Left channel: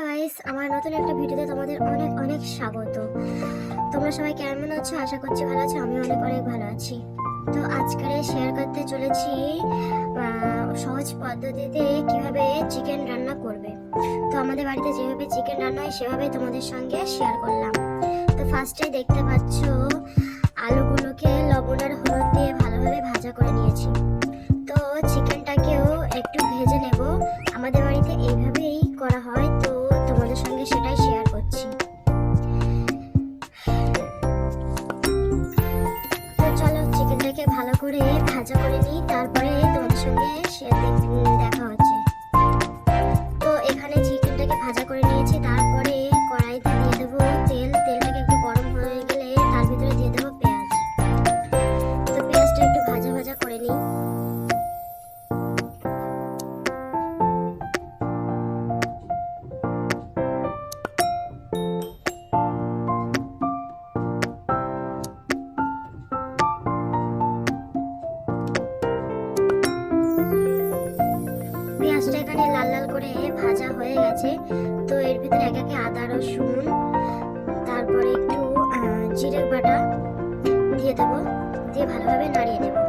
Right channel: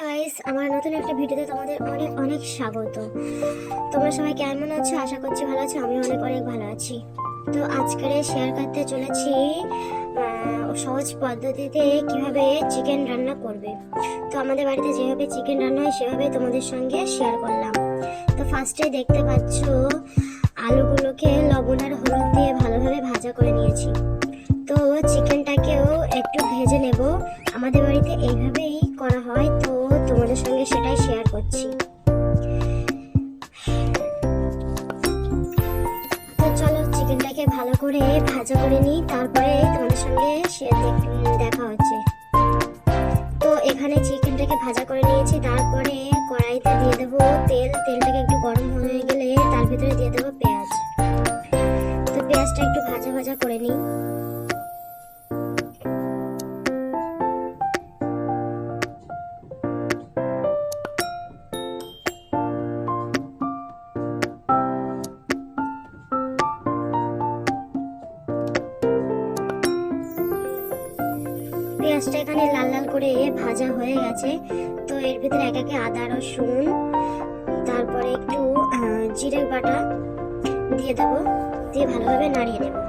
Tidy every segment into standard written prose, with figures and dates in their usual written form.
Hello guys, আমার নতুন একটা ভিডিওতে তোমাদের অনেক অনেক স্বাগত। তোমরা সবাই কেমন আছো? আশা করছি ভালো আছো। আমি অনেক অনেক ভালো আছি। তো আজকে শেয়ার করতে চলেছি সহজ পদ্ধতিতে কিভাবে চিকেন রান্না করবে। তো আমাদের বাড়িতে যেভাবে চিকেন রান্না হয় সেভাবে তোমাদের সঙ্গে শেয়ার করলাম। তো ফার্স্টে দেখতে পাচ্ছ আলুগুলোকে লবণ আর হলুদ দিয়ে ভালোভাবে ভাজা করে নিয়েছি। তো চিকেনটাকেও একটু ভেজে নেব। আমাদের বাড়িতে এইভাবেই করা হয়, তো তোমাদের সঙ্গে সেটাই শেয়ার করছি। তো চলো চিকেনটাকে ভালো করে ভাজা করে নিই, তারপরে তোমাদের সঙ্গে দেখা হচ্ছে। তো এখানে চিকেনটাকে ভাজা করে নিয়েছি, তারপরে কড়াইতে দিয়ে দেবো তেল। তেলটাকে একটু গরম হয়ে গেলে তার ভিতরে দিয়ে দেবো পেঁয়াজ। তো পেঁয়াজটা একটু ভাজা ভাজা করে নিই। পেঁয়াজটা এখানে লাল লাল করে ভাজা হয়ে গেছে। তো এর ভিতরে এক একে আদা রসুন, তারপরে একটু জিরে বাটা দিয়ে দেবো, দিয়ে ভালোভাবে নাড়িয়ে দেবো।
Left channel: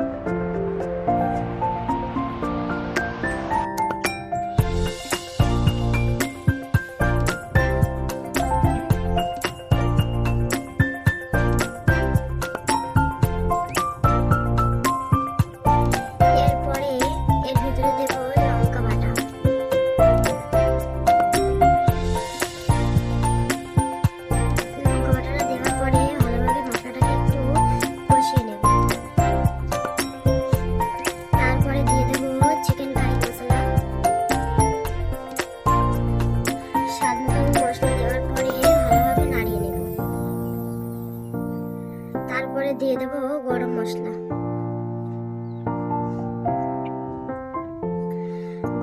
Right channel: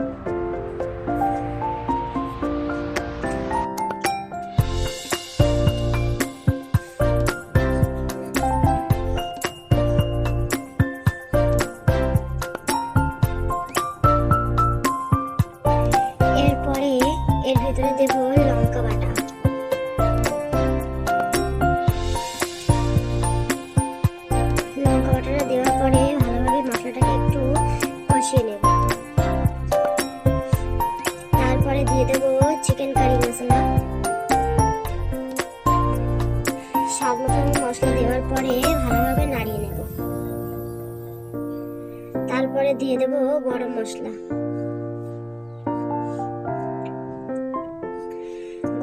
এরপরে এর ভিতরে দেবো লঙ্কা বাটা। লঙ্কা বাটাটা দেওয়ার পরে ভালোভাবে মশলাটাকে একটু কষিয়ে নেব। তারপরে দিয়ে দেবো চিকেন কারি মশলা। স্বাদ মতন মশলা দেওয়ার পরে ভালোভাবে নাড়িয়ে নেব। তারপরে দিয়ে দেবো গরম মশলা।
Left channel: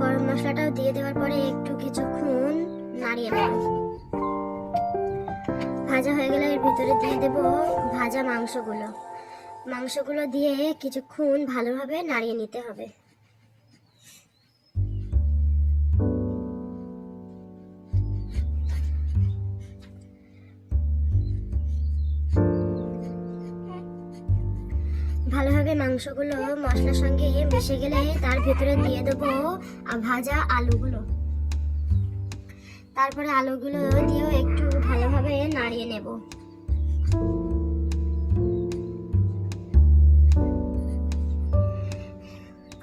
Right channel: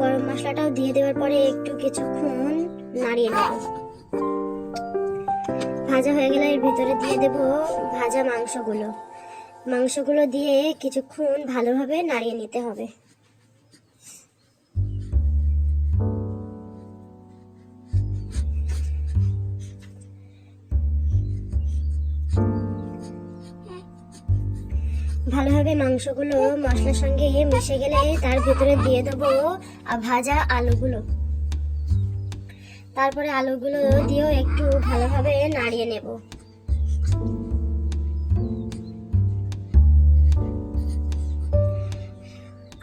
গরম মশলাটাও দিয়ে দেওয়ার পরে একটু কিছুক্ষণ নাড়িয়ে নেব। ভাজা হয়ে গেলে এর ভিতরে দিয়ে দেব ভাজা মাংসগুলো দিয়ে কিছুক্ষণ ভালোভাবে নাড়িয়ে নিতে হবে। ভালোভাবে মাংসগুলো মশলার সঙ্গে মিশে গেলে তার ভিতরে দিয়ে দেবো ভাজা আলুগুলো। তারপরে আলুগুলো দিয়েও একটু ভালোভাবে নাড়িয়ে নেব।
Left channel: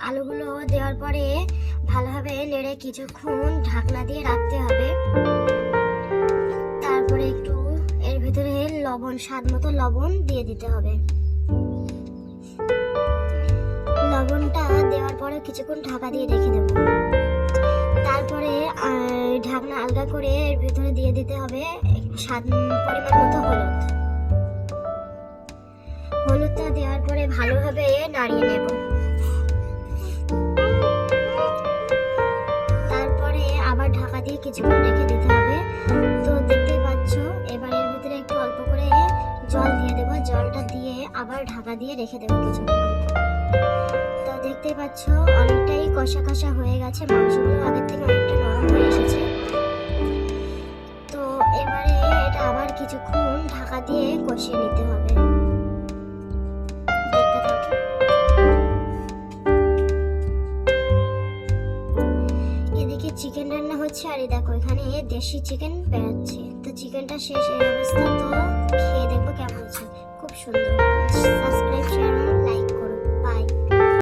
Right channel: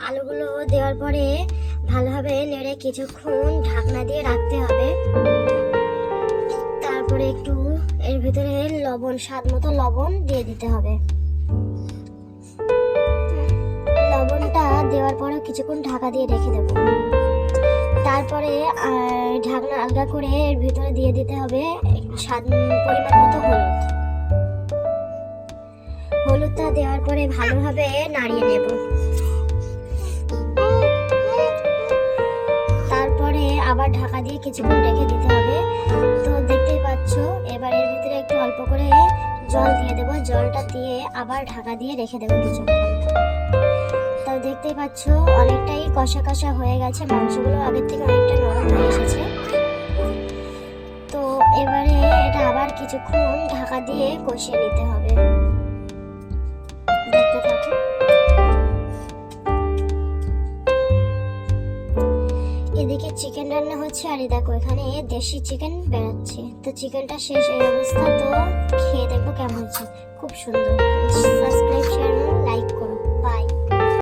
আলুগুলো দেওয়ার পরে ভালোভাবে নেড়ে কিছুক্ষণ ঢাকনা দিয়ে রাখতে হবে। তারপরে একটু এর ভিতরে স্বাদ মতো লবণ দিয়ে দিতে হবে। লবণটা দেওয়ার পরে কিছুক্ষণ ঢাকা দিয়ে রেখে দেব। তারপরে ঢাকনা আলগা করে এর ভিতরে দিয়ে দিতে হবে পরিমাণ মতো হলুদটা দেওয়ার পরে ভালোভাবে নাড়িয়ে নেব। তারপরে আবার ঢাকা দিয়ে কিছুক্ষণ রেখে দিতে হবে। তো দেখতেই পাচ্ছ এবার এর ভিতরে একটু অল্প করে জল দিয়ে দেবো। জলটা দিয়ে আবার ঢাকা দিয়ে রেখে দেবো কিছুক্ষণ। তো দেখতেই পাচ্ছ অনেকটাই কষা কষা হয়ে গেছে, মাংসগুলো আগের থেকে অনেকটা নরম হয়ে এসেছে। তো এবারে এটা আবার কিছুক্ষণ ঢাকা দিয়ে কষিয়ে নিতে হবে। দেখতে থাকো। এদিকে চিকেন রান্না হচ্ছে, আর দেখো এখানে দেশি চিকেন বেরোচ্ছে। তো চিকেনটা শেষ এই অবস্থা। তো